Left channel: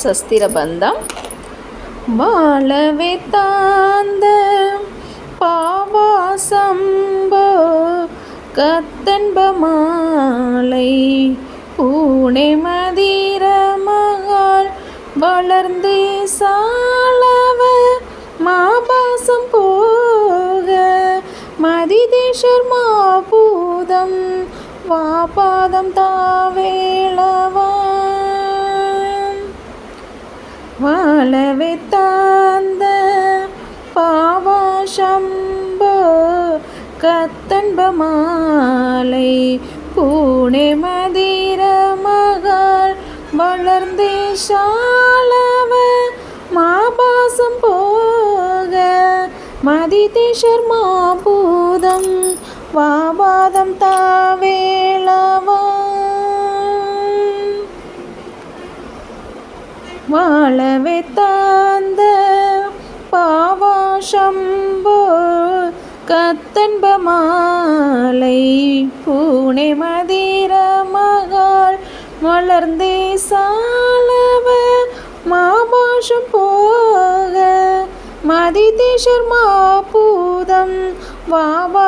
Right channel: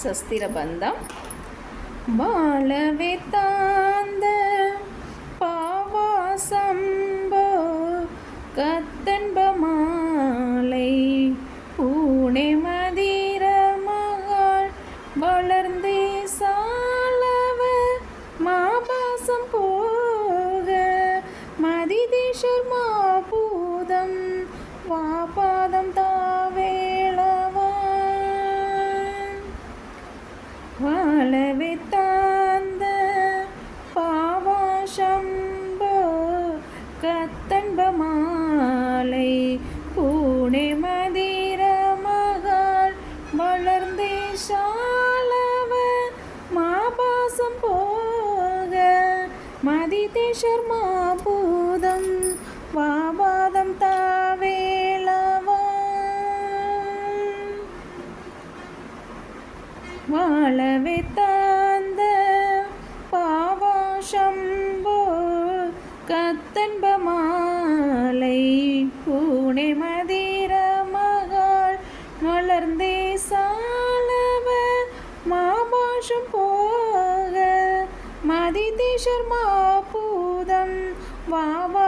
சஸ்திர பந்தம் வாழவே தாந்த பாவாசம்போ கத்தன்ப மாலை பூனை மதிர மகாள் வளர்ந்தே சாலவ மாபாசம் போக மதிதேஷர் மாபூதம் வாபாதம் தான் வாழவே தாந்த பாவாசம்போ கத்தன்ப மாலை பூனே மதிர மகள் வளர்ந்தே சாலவ மாபாசம் போக மதிதேஷர் பூதம் வாபாதம் தாவே வாழவே தாந்த பாவாசம்போ கத்தன்ப மாலை பூனை மதிர மகாள் வளர்ந்தே சாலவ மாபாஷம் போக மதிதேஷர் மாபூதம் வாபாதம் தாவே